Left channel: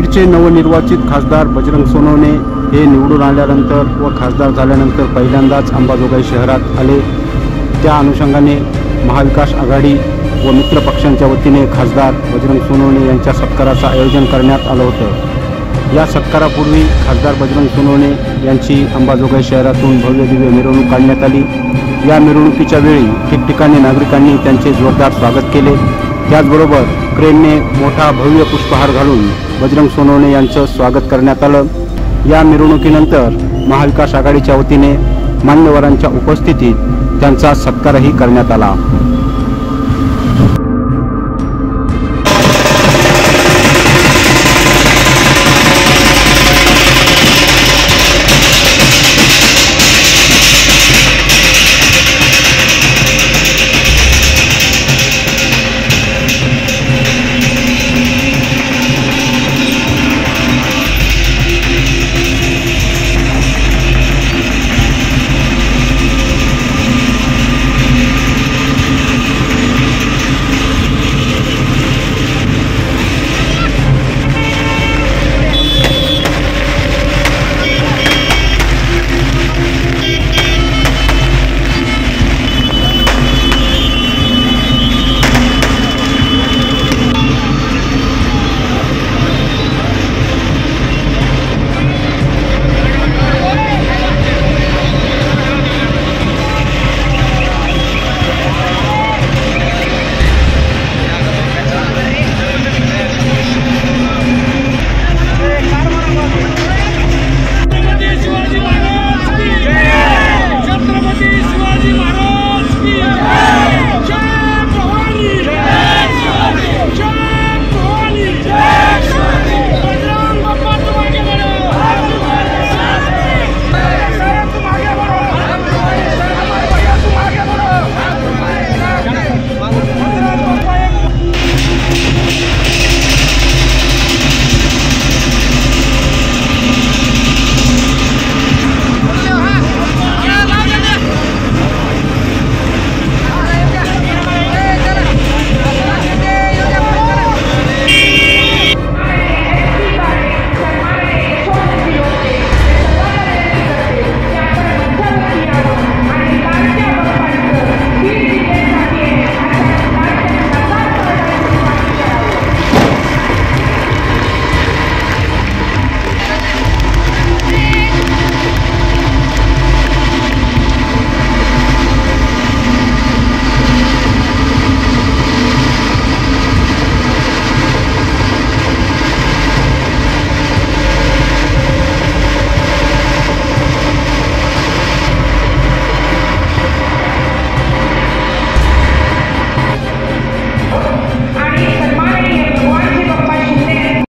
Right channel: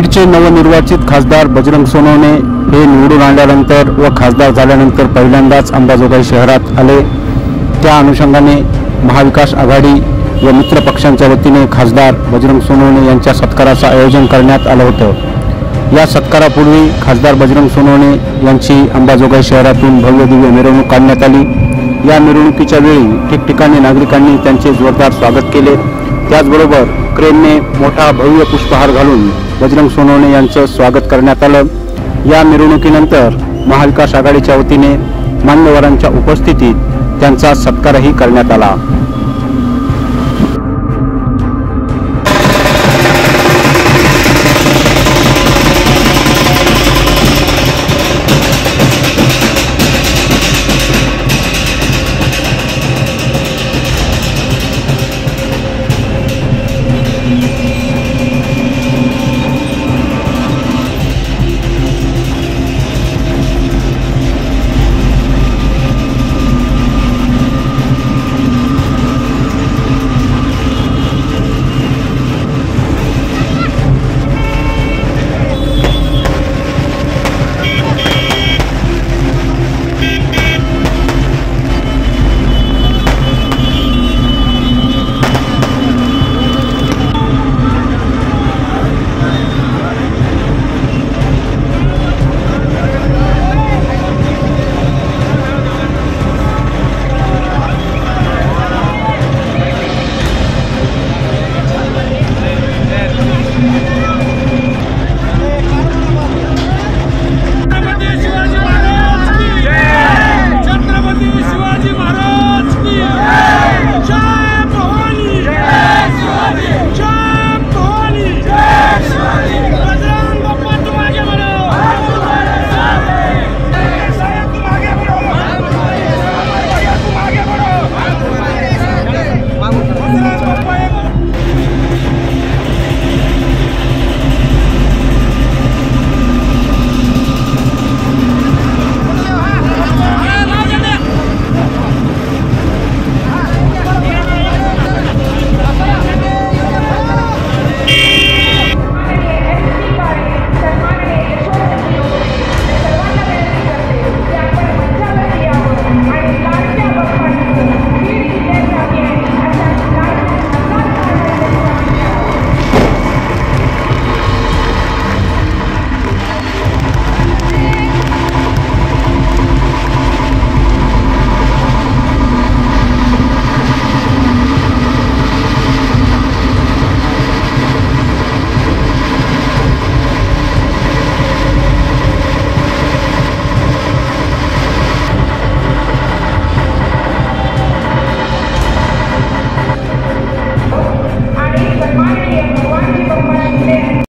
बीडचे नवनिर्वाचित खासदार बजरंग सोनवणे हे निवडून आल्यानंतर व खासदार झाल्यानंतर पहिल्यांदाच अंबाजोगाई शहरात आले। त्या अनुषंगाने महाविकास आघाडी व मित्र पक्षांच्या वतीने खासदार बजरंग सोनवणे यांच्या सत्काराचं आयोजन करण्यात आलं होतं। या सत्कारापूर्वी खासदार बजरंग सोनवणे यांची अंबाजोगाई शहरातून भव्य दिव्य मिरवणूक काढण्यात आली। या मिरवणुकीच्या वेळी ठिकठिकाणी नागरिकांनी त्यांचे जोरदार स्वागत केले। त्याचबरोबर क्रेनने मोठा भव्य पुष्पहार घालून बजरंग सोनवणे यांचं स्वागत करण्यात आलं। या मिरवणुकीनंतर महाविकास आघाडीच्या वतीने मान्यवरांच्या उपस्थितीत त्यांचा सत्कारही करण्यात आला।